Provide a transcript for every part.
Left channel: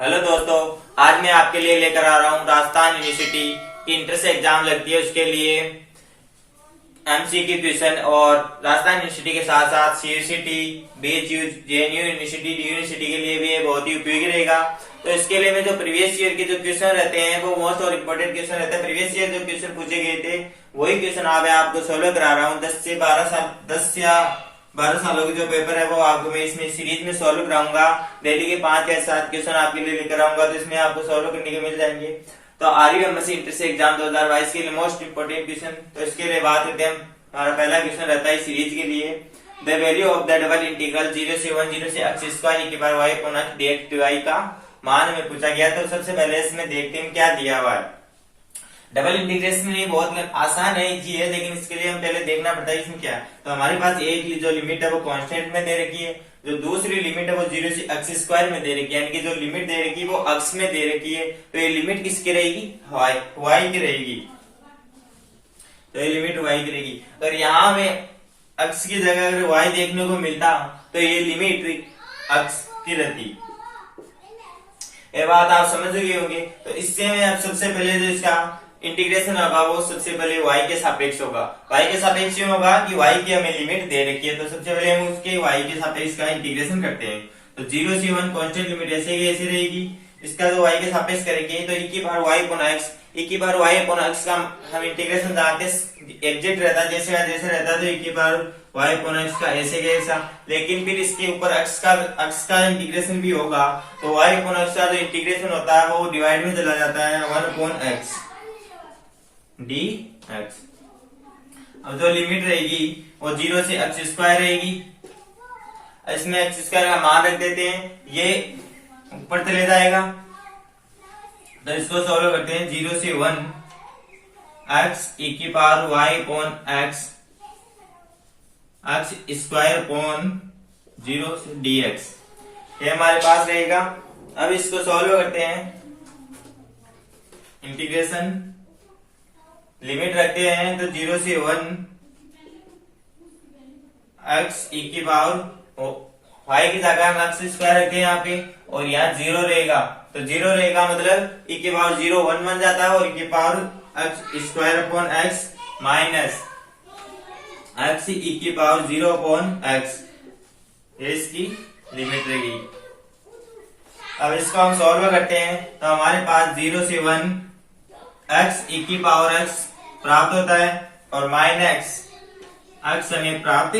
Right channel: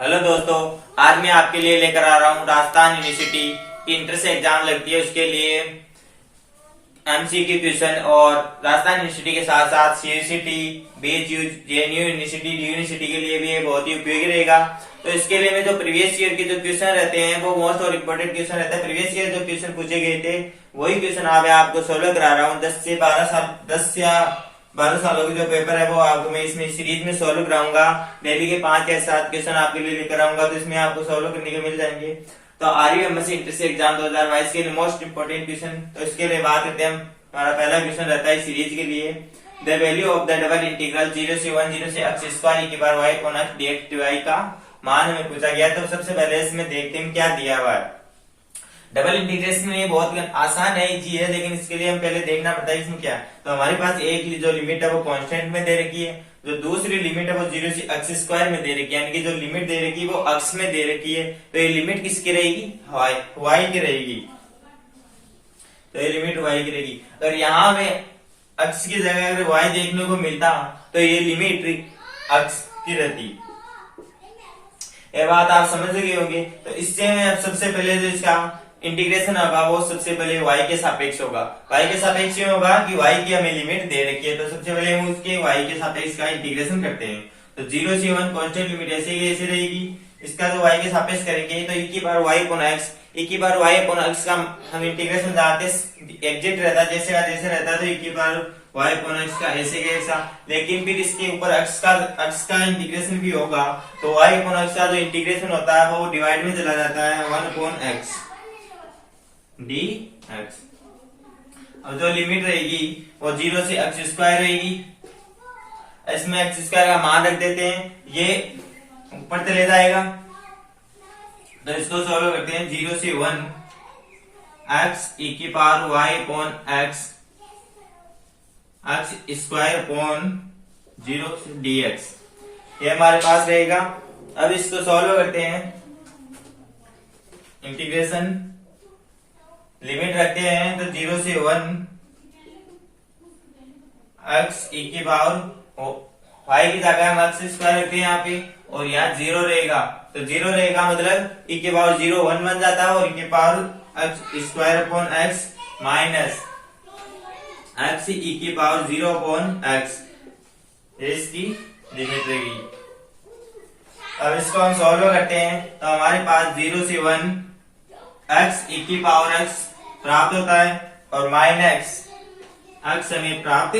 Hello दोस्तों, आज मैं आपके लिए लेकर आ रहा हूँ राजस्थान यूनिवर्सिटी की इंट्रेंस एग्जाम लगती है उसके लिए एमसीक्यू क्वेश्चन। और राजस्थान यूनिवर्सिटी के साथ साथ CUET, BHU, JNU university, D university के लिए भी ये बहुत ही उपयोगी रहेगा। तो इसके लिए मैं जो प्रीवियस ईयर के जो क्वेश्चन रहते हैं वो मोस्ट और इम्पोर्टेंट क्वेश्चन रहते हैं। प्रीवियस ईयर जो क्वेश्चन पूछे गए थे वही क्वेश्चन आज मैं आपको सोल्व करा रहा हूँ। 10 या 12 सालों की जो पेपर है वो आपको मैं इसमें सीरीज में सोल्व कराऊंगा। डेली के 5 या 7 क्वेश्चन आपके लिए लेकर आऊंगा, तो इसमें आपको सोल्व करने के मिल जाएंगे। तो आरयू एमएससी इंटर एग्जाम 2022 के लिए मोस्ट इंपोर्टेंट क्वेश्चन। तो इसके लिए बात करते हैं। हमारा पहला क्वेश्चन रहता है सीरीज के लिए, the value of the double integral 0 से 1 से x स्क्वायर e की power y upon x dx dy का मान हमें पूछा गया। तो सबसे पहले इसमें देखते हैं क्या दिया हुआ है। डबल इंटीग्रेशन में ये बहुत आसान है, इजी है, लेकिन इसके लिए हम पहले देखना पड़ता है इसमें क्या है। तो हमारे पास एक जो लिमिट है वो कांस्टेंट में दे रखी है, जो दूसरी लिमिट है वो 0 से x स्क्वायर में दे रखी है, यानी कि जो लिमिट दे रखी है वो x में दे रखी है। तो ये लिमिट किसकी रहेगी? y की रहेगी। तो ये लिमिट y की रहेगी। अगर यहाँ में x की जगह अगर y देखने को मिलता तो ये लिमिट x की रहती। ये बात आप समझ गए होंगे। तो इससे में अब सबसे पहले जो इसका इंटीग्रेशन होगा वो सबसे पहले y के सापेक्ष होगा। y के सापेक्ष में होगा कि y की हमें लिमिट दे रखी है, तो सबसे पहले हम उसके y के सापेक्ष का इंटीग्रेशन करते हैं। तो 0 से 1 कांस्टेंट लिमिट ऐसे ही ऐसे रहेगी। इसका जो y के सापेक्ष करेंगे तो e की power y upon x, e की पावर y अपॉन x का हम इंटीग्रेशन जानते हैं एग्जैक्ट रहता है, जैसे का जैसे रहता है। तो e की पावर y अपॉन x का ऐसे का ऐसा, लेकिन फिर इसके ऊपर x का इंटीग्रेशन भी होगा। तो y अपॉन x का जो इंटीग्रेशन होता है वो डिवाइड में चला जाता है 1 अपॉन x dx। अब जो लिमिट रहेगी वो 0 से x स्क्वायर रहेगी। इसमें x स्क्वायर का मान रख देते हैं, ये ऊपर चले जाएगा। तो इसको सॉल्व करते हैं। 0 से 1 x e की power y upon x square upon 0 से dx, ये हमारे पास रहेगा। अब इसको सॉल्व करते हैं, इंटीग्रेशन लिमिट रखते हैं। तो 0 से 1 x e की पावर y की जगह हम x स्क्वायर रखते हैं यहाँ पे, और यहाँ 0 रहेगा। तो 0 रहेगा मतलब e की पावर 0 1 बन जाता है, और e की power x square upon x minus x e की पावर 0 अपॉन x, ये इसकी लिमिट रहेगी। अब इसको हम सॉल्व करते हैं। तो हमारे पास 0 से 1 x e की पावर x प्राप्त होता है, और माइनस x हमें प्राप्त,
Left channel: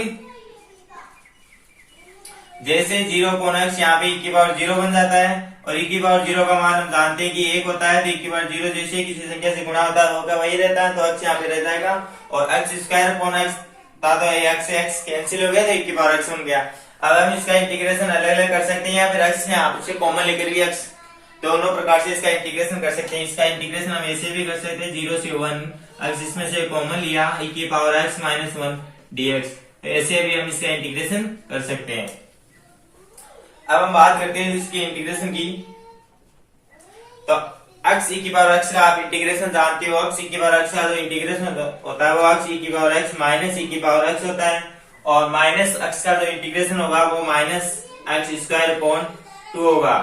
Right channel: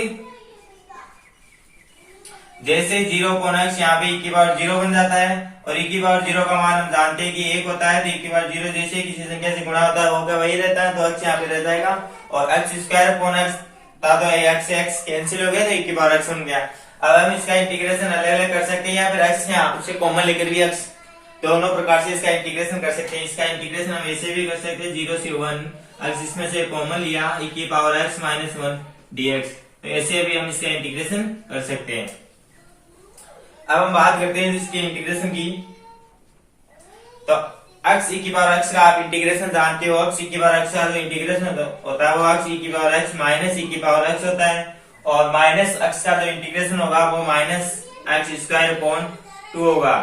जैसे 0 अपॉन x यहाँ पे e की पावर 0 बन जाता है, और e की पावर 0 का मान हम जानते हैं कि 1 होता है। तो e की पावर 0 जैसे किसी संख्या से गुणा होता है वो वही रहता है, तो x यहाँ पे रह जाएगा। और x स्क्वायर अपॉन x था, तो x से x कैंसिल हो गया, तो e की पावर x बन गया। अब हम इसका इंटीग्रेशन अलग अलग कर सकते हैं, या फिर x यहाँ से कॉमन लेकर भी x दोनों प्रकार से इसका इंटीग्रेशन कर सकते हैं। इसका इंटीग्रेशन हम ऐसे भी कर सकते हैं, 0 से 1 x इसमें से कॉमन लिया, e की पावर x माइनस 1 dx, तो ऐसे भी हम इसका इंटीग्रेशन कर सकते हैं। अब हम बात करते हैं इसके इंटीग्रेशन की। तो x e की पावर x का आप इंटीग्रेशन जानते हो, x e की पावर x का जो इंटीग्रेशन होता है वो x e की पावर x माइनस e की पावर x होता है, और माइनस x का जो इंटीग्रेशन होगा वो माइनस x स्क्वायर अपॉन 2 होगा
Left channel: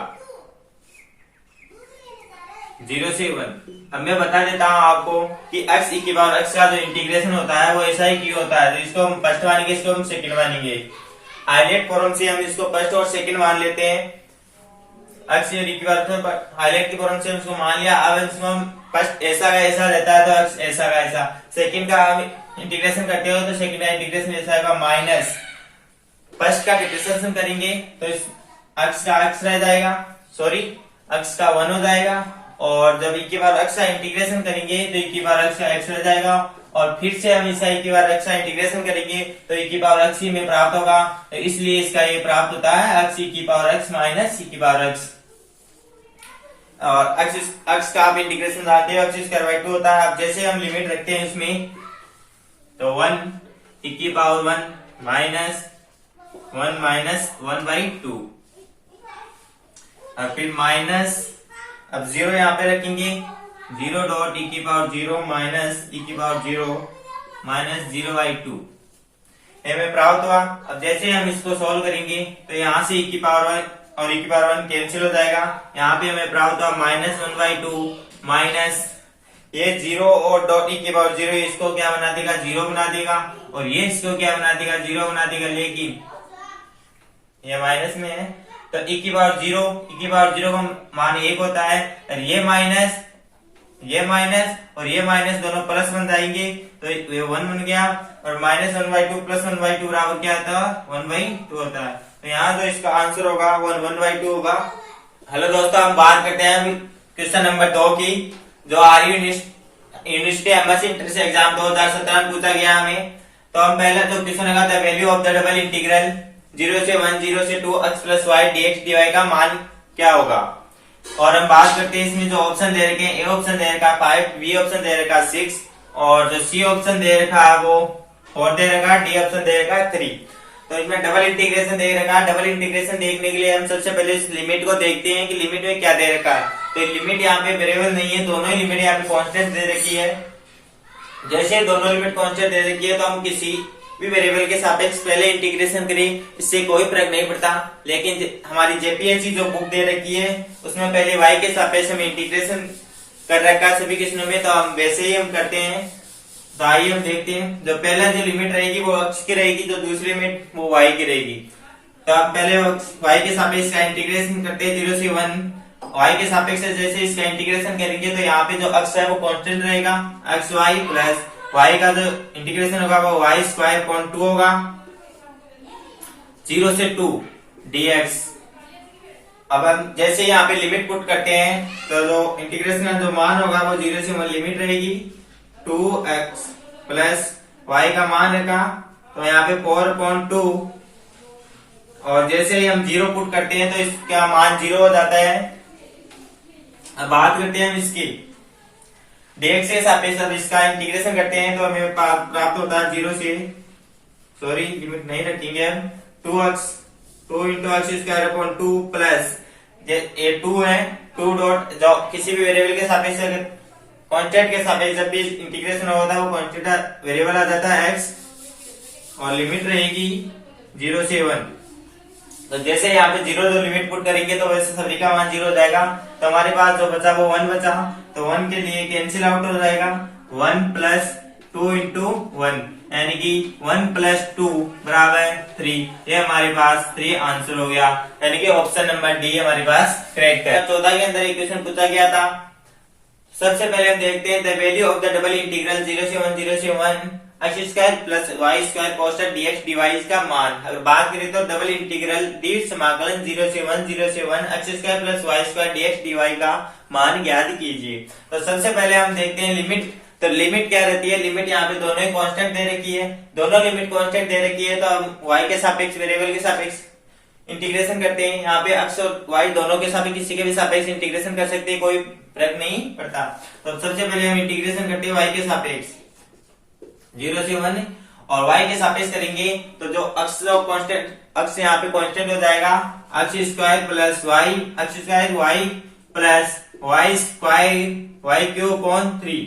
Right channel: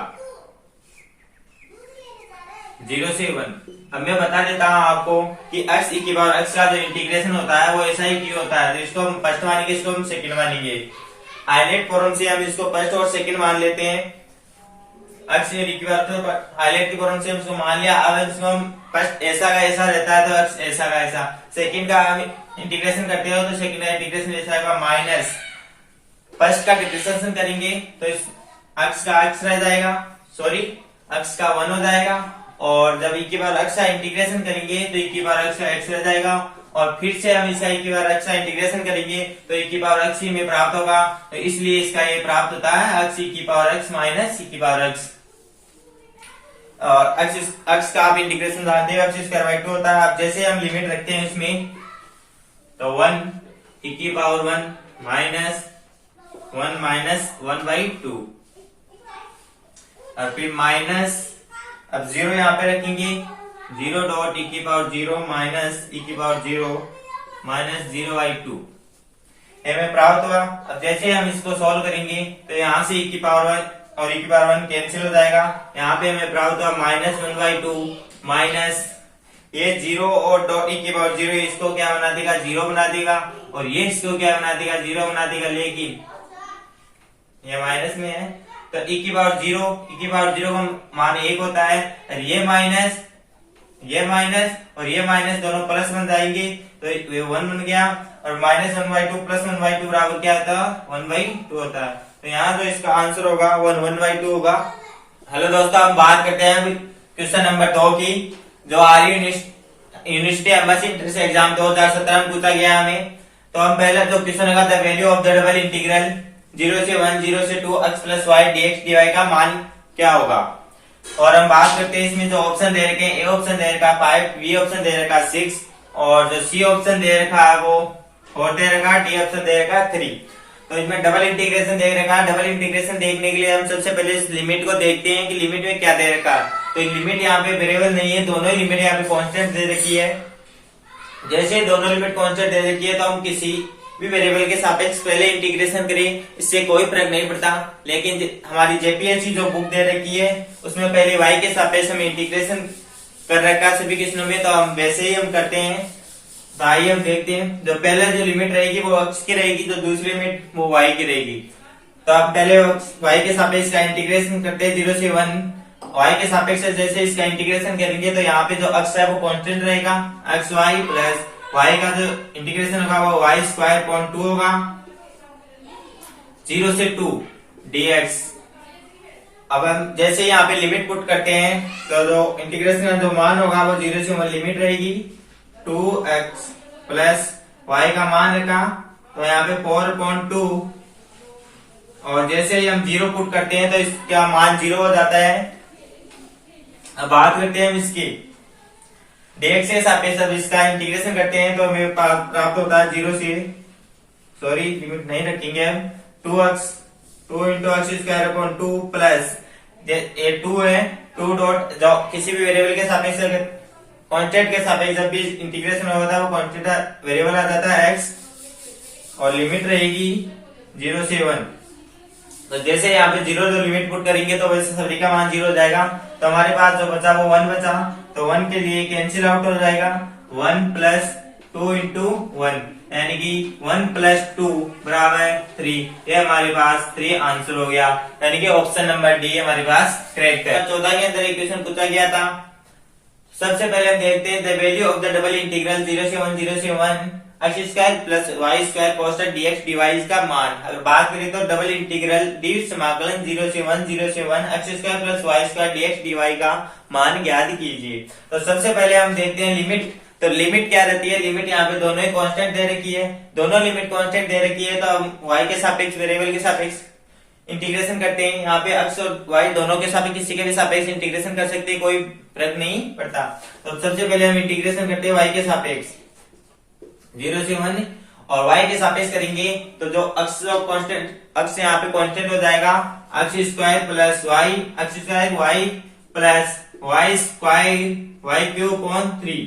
0 से 1। अब मैं बता देता हूं आपको कि x e की पावर x का जो इंटीग्रेशन होता है वो ऐसा ही क्यों होता है। तो इसको हम फर्स्ट मानेंगे, इसको हम सेकंड मानेंगे। हाईलाइट फॉर्म से हम इसको फर्स्ट और सेकंड मान लेते हैं। x e की पावर हाईलाइट की फॉर्म से हम इसको मान लिया। अब इसको हम फर्स्ट ऐसा का ऐसा रहता है, तो x ऐसा का ऐसा। सेकंड का हम इंटीग्रेशन करते हो तो सेकंड का इंटीग्रेशन ऐसा होगा माइनस, फर्स्ट का डिफरेंशिएशन करेंगे तो इस x का x रह जाएगा, सॉरी x का 1 हो जाएगा। और जब e की बार x का इंटीग्रेशन करेंगे तो e की बार x का x रह जाएगा, और फिर से हम इसका e की बार x का इंटीग्रेशन करेंगे तो e की पावर x ही में प्राप्त होगा। तो इसलिए इसका ये प्राप्त होता है x e की पावर x माइनस e की पावर x। और x का आप इंटीग्रेशन जानते हो, x स्क्वायर बाय 2 होता है। अब जैसे हम लिमिट रखते हैं इसमें, तो 1 e की पावर 1 माइनस 1 माइनस 1 बाई 2, और फिर माइनस, अब 0 यहाँ पे रखेंगे, 0 डॉट e की पावर 0 माइनस e की पावर 0 माइनस 0 बाई 2, हमें प्राप्त हुआ। अब जैसे हम इसको सॉल्व करेंगे तो यहाँ से e की पावर और e की पावर 1 कैंसिल हो जाएगा। यहाँ पे हमें प्राप्त हुआ -1/2 माइनस ये 0 और डॉट e की पावर 0, इसको क्या बना देगा 0 बना देगा, और ये इसको क्या बना देगा 0 बना देगा, लेकिन ये माइनस में है तो e की पावर 0 का मान 1 होता है, और ये माइनस और ये माइनस दोनों प्लस बन जाएंगे तो ये 1 बन गया, और -1/2 प्लस 1/2 बराबर क्या होता है 1/2 होता है। तो यहाँ जो इसका आंसर होगा वो 1/2 होगा। हेलो दोस्तों, हम बात करते हैं क्वेश्चन नंबर 2 की, जो आर्य यूनिवर्सिटी एम्बेसी इंट्रेंस एग्जाम 2017 में पूछा गया हमें। तो हम पहले तो क्वेश्चन लगा था value of the double integral 0 से 1 0 से 2 x plus y dx dy का मान क्या होगा। और हम बात करते हैं इसमें जो ऑप्शन दे रखे हैं, ए ऑप्शन दे रखा 5, बी ऑप्शन दे रखा 6, और जो सी ऑप्शन दे रखा है वो 4 दे रखा, डी ऑप्शन दे रखा 3। तो इसमें डबल इंटीग्रेशन दे रखा है। डबल इंटीग्रेशन देखने के लिए हम सबसे पहले इस लिमिट को देखते हैं कि लिमिट में क्या दे रखा है। तो लिमिट यहाँ पे वेरिएबल नहीं है, दोनों ही लिमिट यहाँ पे कांस्टेंट दे रखी है। जैसे दोनों लिमिट कांस्टेंट दे रखी है तो हम किसी भी वेरिएबल के सापेक्ष पहले इंटीग्रेशन करें, इससे कोई फर्क नहीं पड़ता। लेकिन हमारी जेपीएससी जो बुक दे रखी है उसमें पहले वाई के सापेक्ष हम इंटीग्रेशन कर रखा है सभी क्वेश्चनों में, तो हम वैसे ही हम करते हैं। तो आइए हम देखते हैं, जो पहले जो लिमिट रहेगी वो x की रहेगी, तो दूसरी लिमिट वो y की रहेगी। तो आप पहले y के सापेक्ष का इंटीग्रेशन करते हैं 0 से 1, y के सापेक्ष से जैसे इसका इंटीग्रेशन करेंगे तो यहाँ पे जो x है वो कांस्टेंट रहेगा, एक्स वाई प्लस y का जो इंटीग्रेशन होगा वो y स्क्वायर अपॉन 2 होगा, 0 से 2 dx। अब हम जैसे यहाँ पे लिमिट पुट करते हैं तो जो इंटीग्रेशन का जो मान होगा वो 0 से 1 लिमिट रहेगी, 2x प्लस y का मान रखा तो यहाँ पे 4/2, और जैसे ही हम 0 पुट करते हैं तो इसका मान 0 हो जाता है। अब बात करते हैं हम इसकी dx के सापेक्ष, अब इसका इंटीग्रेशन करते हैं तो हमें प्राप्त होता है 0 से, सॉरी लिमिट नहीं रखेंगे हम, 2 into x square upon 2 plus ये 2 है 2 डॉट जो किसी भी वेरिएबल के सापेक्ष कांस्टेंट के सापेक्ष जब भी इंटीग्रेशन होता है वो कांस्टेंट वेरिएबल आ जाता है x, और लिमिट रहेगी 0 से 1। तो जैसे यहाँ पे 0 जो लिमिट पुट करेंगे तो वैसे सभी का मान 0 हो जाएगा। तो हमारे पास जो बचा वो 1 बचा, तो 1 के लिए कैंसिल आउट हो जाएगा, 1 प्लस 2 इंटू 1 यानी कि 1 प्लस 2 बराबर 3। ये हमारे पास 3 आंसर हो गया, यानी कि ऑप्शन नंबर डी हमारे पास करेक्ट है। 14 के अंदर एक क्वेश्चन पूछा गया था। सबसे पहले हम देखते हैं the value of the double integral 0 से 1 x square plus y square cos dx dy का मान। अगर बात करें तो डबल इंटीग्रल डी समाकलन 0 से 1 x square plus y square dx dy का मान ज्ञात कीजिए। तो सबसे पहले हम देखते हैं लिमिट। तो लिमिट क्या रहती है, लिमिट यहाँ पे दोनों ही कांस्टेंट दे रखी है, दोनों लिमिट कांस्टेंट दे रखी है, तो हम y के सापेक्ष वेरिएबल के सापेक्ष इंटीग्रेशन करते हैं। यहाँ पे x और y दोनों के सापेक्ष किसी के भी सापेक्ष इंटीग्रेशन कर सकते हैं, कोई फर्क नहीं पड़ता। तो सबसे पहले हम इंटीग्रेशन करते हैं y के सापेक्ष 0 से 1, और y के सापेक्ष करेंगे तो जो x जो कांस्टेंट x यहाँ पे कांस्टेंट हो जाएगा, x square plus y plus y square y cube upon 3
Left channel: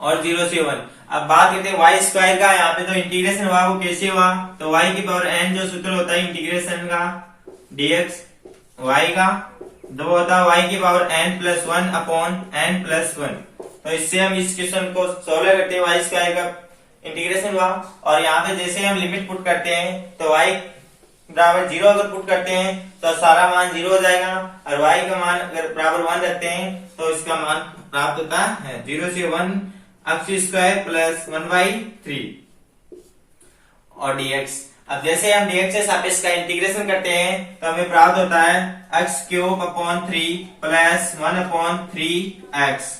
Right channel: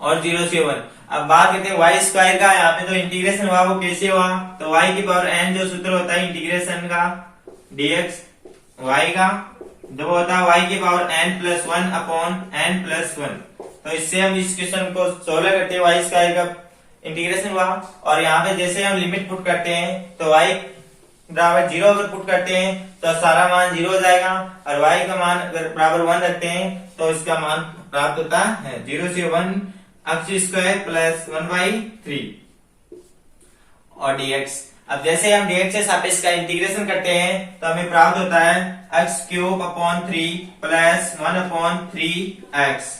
और 0 से 1। अब बात करते हैं y स्क्वायर का, यहाँ पे जो इंटीग्रेशन हुआ वो कैसे हुआ, तो y की पावर n जो सूत्र होता है इंटीग्रेशन का dx y का जो होता है y की power n plus 1 upon n plus 1। तो इससे हम इस क्वेश्चन को सोल्व करते हैं, y स्क्वायर का इंटीग्रेशन हुआ, और यहाँ पे जैसे हम लिमिट पुट करते हैं तो y बराबर 0 अगर पुट करते हैं तो सारा मान 0 हो जाएगा, और y का मान अगर बराबर 1 रखते हैं तो इसका मान प्राप्त होता है 0 से 1 x स्क्वायर प्लस 1/3 और dx। अब जैसे हम dx से सापेक्ष का इंटीग्रेशन करते हैं तो हमें प्राप्त होता है x cube upon 3 plus 1/3x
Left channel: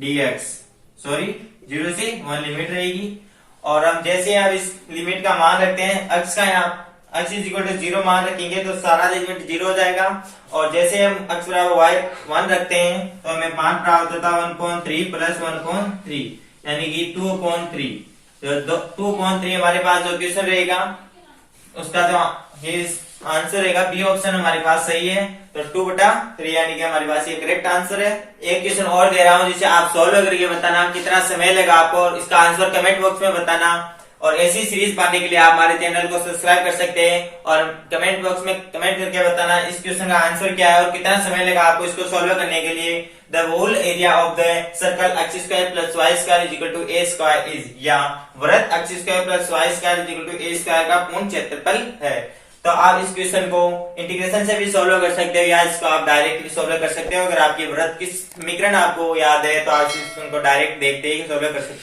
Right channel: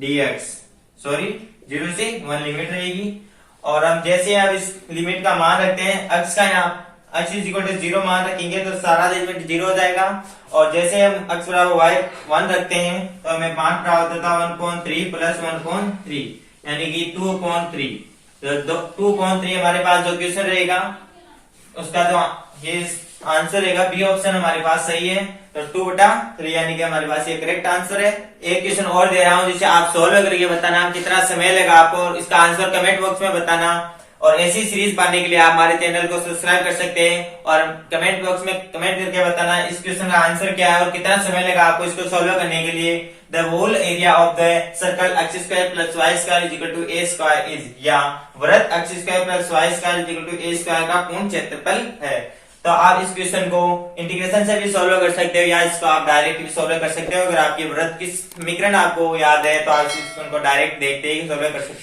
dx, sorry 0 से 1 लिमिट रहेगी। और हम जैसे अब इस लिमिट का मान रखते हैं x का, यहाँ x इज इक्वल टू 0 मान रखेंगे तो सारा लिमिट 0 हो जाएगा, और जैसे हम x बराबर y 1 रखते हैं तो हमें मान प्राप्त होता है 1/3 प्लस 1/3 यानी कि 2/3। तो 2/3 हमारे पास जो क्वेश्चन रहेगा उसका जो ये आंसर रहेगा बी ऑप्शन हमारे पास सही है, तो 2/3 यानी कि हमारे पास ये करेक्ट आंसर है। एक क्वेश्चन और दे रहा हूँ जिसे आप सोल्व करके बताना कितना समय लगा आपको, इसका आंसर कमेंट बॉक्स में बताना। और ऐसी सीरीज पाने के लिए आप हमारे चैनल को सब्सक्राइब कर सकते हैं और कमेंट बॉक्स में कमेंट करके बताना इस क्वेश्चन का आंसर क्या है और कितना समय लगा आपको इसको सॉल्व करने के लिए। The whole area of the circle x square plus y square is equal to a square is, या वृत्त x square plus y square is equal to a square का पूर्ण क्षेत्रफल है। तो आप इस क्वेश्चन को इंटीग्रेशन से भी सॉल्व कर सकते हो या इसको आप डायरेक्ट भी सॉल्व कर सकते हो। अगर आपकी वृत्त की समीकरण आपको याद है तो आप इस क्वेश्चन को डायरेक्ट देखते ही सॉल्व कर सकते हो।